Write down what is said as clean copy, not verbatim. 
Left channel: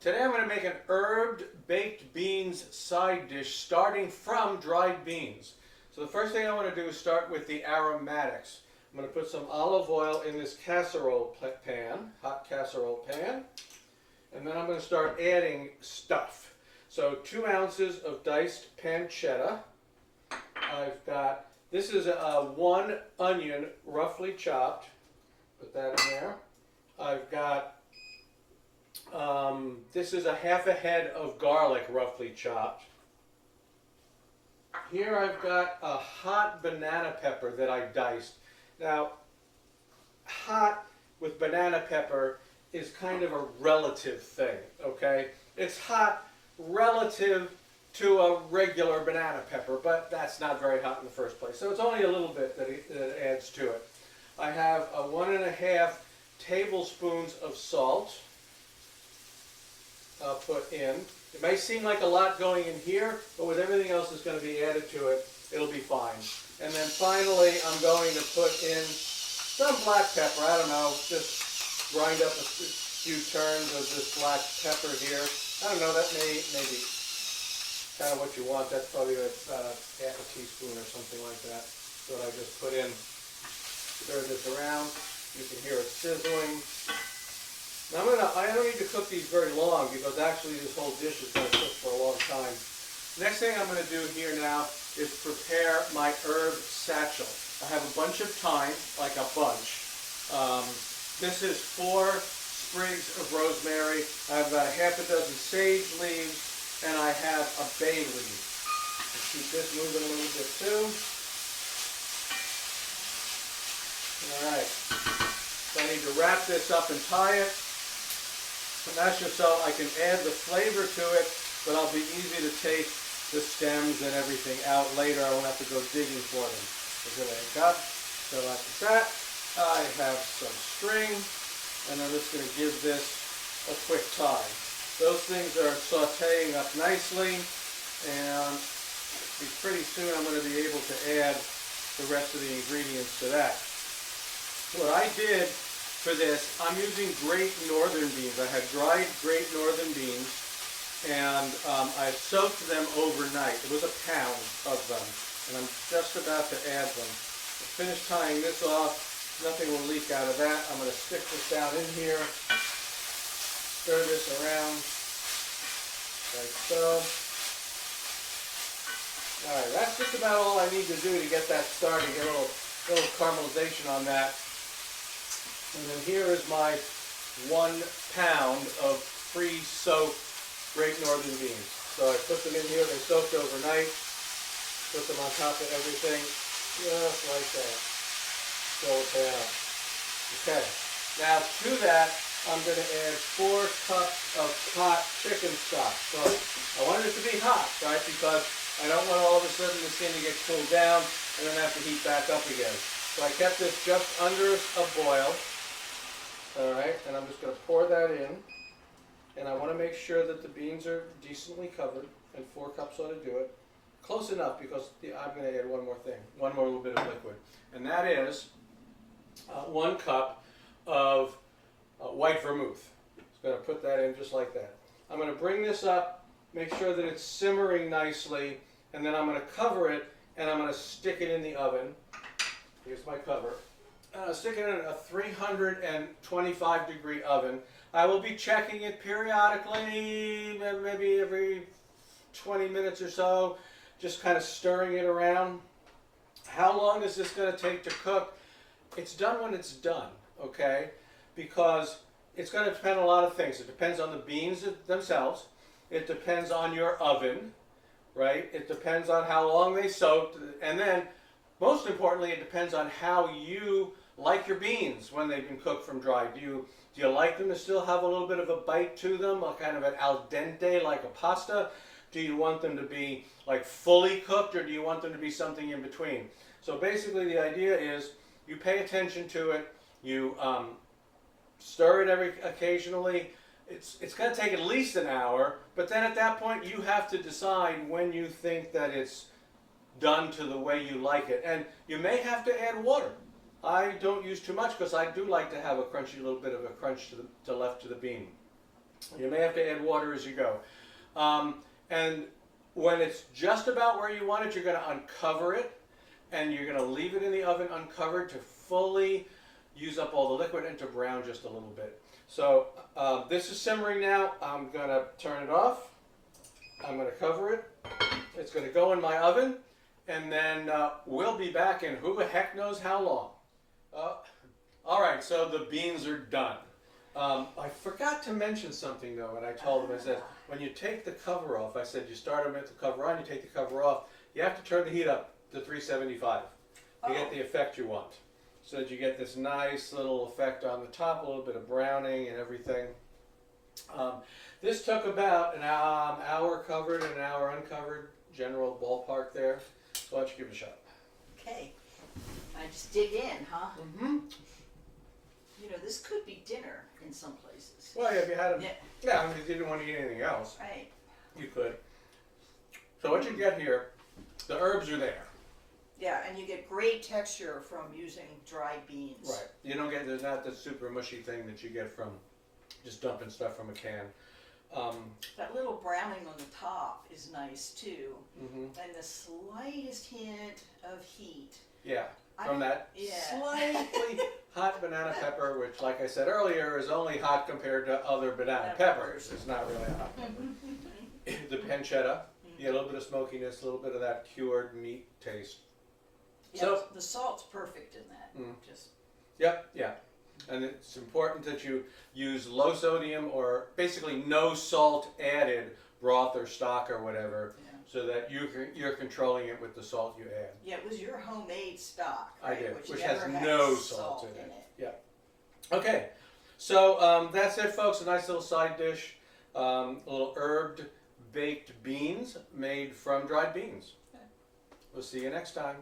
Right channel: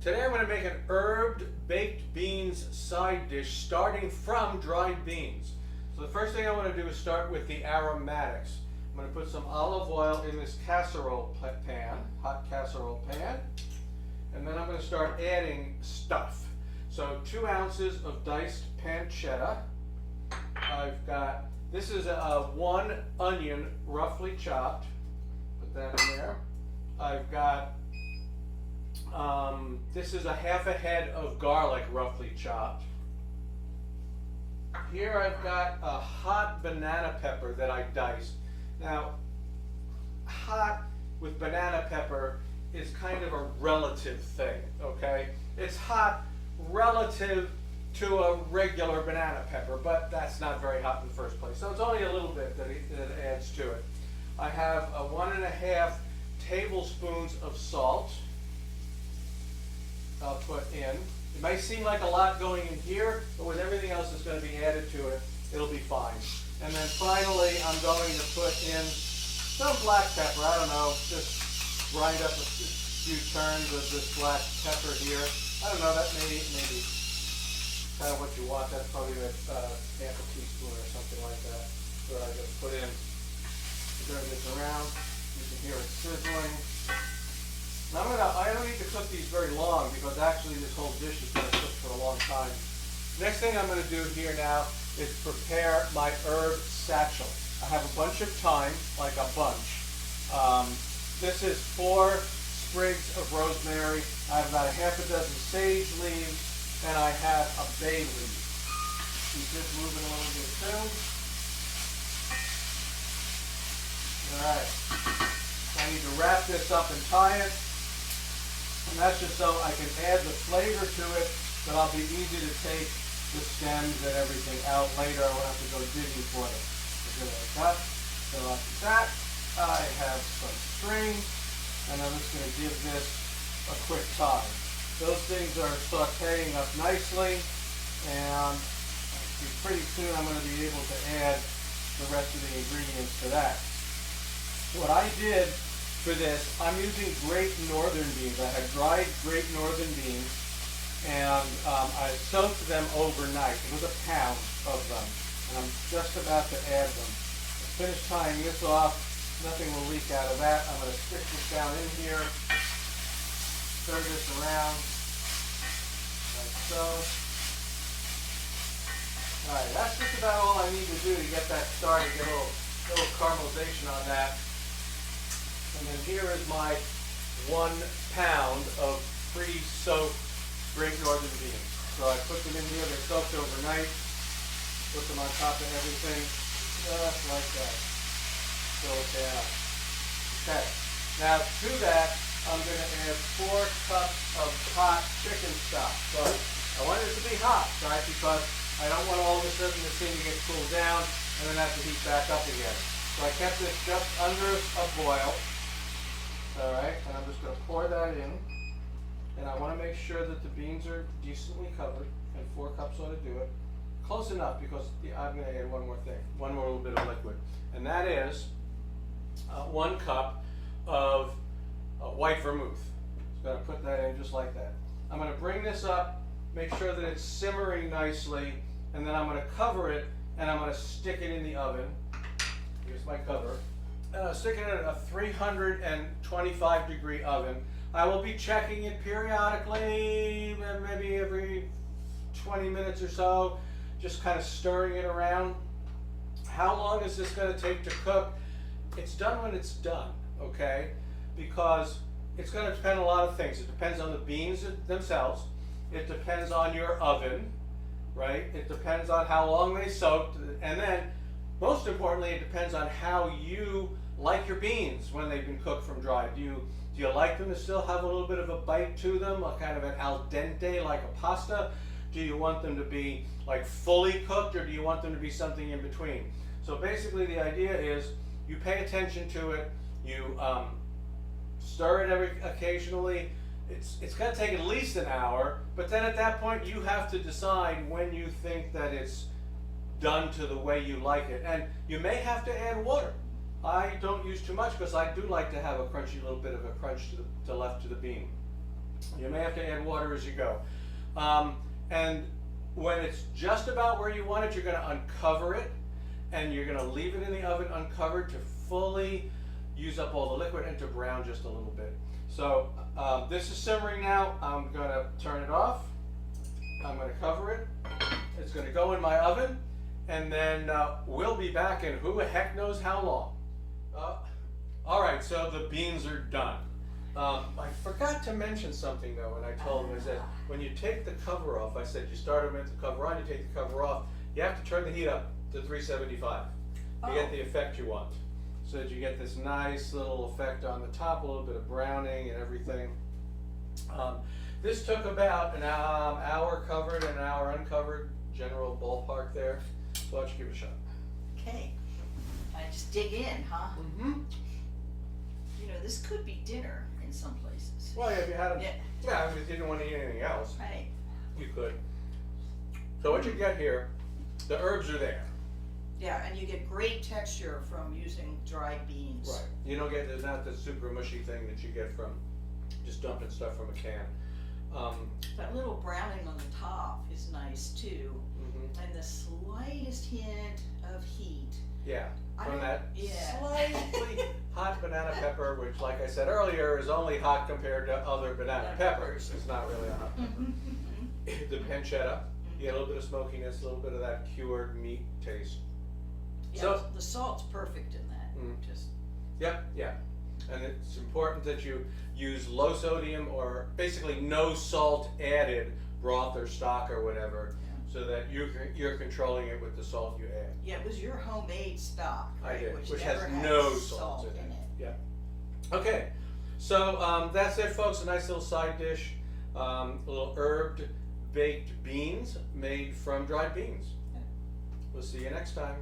Today I'm going to make an herbed baked beans side dish starting from dried beans. So the first thing I want to do is start with the aromatics. I'm going to put some olive oil in this casserole pan, hot casserole pan, and then I'm going to start adding stuff. So 2 ounces of diced pancetta. I've got, this is a 1 onion roughly chopped. Put that in there. I've got this is a half a head of garlic roughly chopped. Here I've got a hot banana pepper that I've diced. Now, hot with banana pepper is kind of a relative thing, okay? It's hot relative to a regular banana pepper, but that's not very hot in the first place. So it's only a little bit that adds to it. I have a 1.5 tablespoons of salt. I'll put in. It may seem like a lot going in here, but with everything else that's going to be added to it, it'll be fine. And then finally, I'm going to put in some black pepper. I don't know, just grind up a few turns of this black pepper here. I don't know, that may be kind of what you want. That's probably half a teaspoon or something like that. So I just put in, stir this around. You can hear it sizzling. Now I don't need to cook these very long because actually this whole dish is going to cook for a long time. Next thing I'm going to do here now is prepare my herb satchel. I have a bunch of thyme, like a bunch. This is 4 sprigs of rosemary. I have about a half a dozen sage leaves, and I have a bay leaf. Let's keep this moving a little bit too. All right. So I need to wrap this up and tie it. And that's just so I can add the flavor to it, but I'll be easy to take the stems and everything out later. I won't have to go digging for them. So here I got, so like that. I have some string, and I'm just going to give this a quick tie. Those things are sauteing up nicely, and pretty soon I'm going to be able to add the rest of the ingredients to that. What I did for this, I'm using Great Northern beans. I have dried Great Northern beans, and I soaked them overnight. It was a pound of them, and I'm just about to add them. I finished tying this off. Nothing will leak out of that. I'm going to stick this down in here, stir this around, like so. All right, that's just about all I need to do to get that started, get a little caramelization on that. And then here is my 1 pound of pre-soaked Great Northern beans. So I put them in here, they soaked overnight, put them on top of everything, just like that. So okay. Now to that, I'm going to add 4 cups of hot chicken stock. But I want it to be hot, right? Because I don't want all of a sudden this thing to get cooled down and then have to heat back up again. So I kept this just under a boil. All right, and I'm just going to pour that in, and I want to make sure that the beans are decently covered, and 4 cups ought to do it. Close enough because I'm going to add one more thing, one more little bit of liquid, and that is 1 cup of white vermouth. Just going to put that in just like that. I'm going to bring this up, make sure that it's simmering nicely, and then I'm going to cover it, and I'm going to stick it in the oven. Here's my cover. And I'll stick it in a 325 degree oven. I will be checking it periodically, maybe every 20 minutes or so, just kind of stirring it around. How long is this going to take to cook? It's done when it's done, okay? Because it's going to depend on a lot of things. It depends on the beans themselves. It depends on your oven, right? It depends on how long they soaked. And then, most importantly, it depends on how you like your beans when they've been cooked from dry. Do you like them to still have a little bit of a bite to them, a kind of an al dente like a pasta? Do you want them to be like fully cooked, or do you want them to be something in between? So basically the idea is you pay attention to it, you stir it occasionally. It's going to take at least an hour, but then at that point you have to decide when you think that it's done to the way you like it. And you may have to add water. I don't use too much because I do like to have a crunchy little bit of a crunch to left to the bean. You may have to add water as you go. And when it's just about where you want it, you're going to uncover it, and you're going to leave it in the oven uncovered to fully use up all the liquid and to brown just a little bit. So this is simmering now. I'm going to turn it off. I'm going to cover it. It's going to go in my oven, and then we'll be back in who the heck knows how long. All right, so the beans are done. I forgot to mention something though when I told them, is that when you take the cover off, I said you start them with the cover on, you take the cover off, you have to turn the heat up to 375 to get the effect you want. So that you get this nice little effect on the top, a little bit of browning and everything. This took about an hour covered and an hour uncovered, general ballpark there. So why don't you give it a shot? Okay. I just dig in, huh? Mm-hmm. You know, this could be dinner in some places. Well, yeah, if you had Yeah. yeah, I mean, if you didn't want to eat anything else, Right. you could. So what you get here, the herbs are there. Yeah, and you get great texture from using dried beans. Right. You don't get, there's not the super mushy thing that you get from just dumping stuff from a can. That little browning on the top is nice too. Mm-hmm. And the slightest hint of heat. Yeah, from that yeah. slightly hot banana pepper, which, like I said earlier, is only hot compared to other banana peppers. It's not really a hot pepper. The pancetta, you get a little bit of smokiness, a little bit of that cured meat taste. Yeah, So the salt's perfect in that. Just Yep, yeah. And it's important that you use low sodium or basically no salt added broth or stock or whatever, so that you're controlling it with the salt you add. yeah, it was your homemade stock, I right? did, which never has had no salt in it. Yeah. Okay, so that's it, folks. A nice little side dish, a little herbed baked beans made from dried beans. We'll see you next time.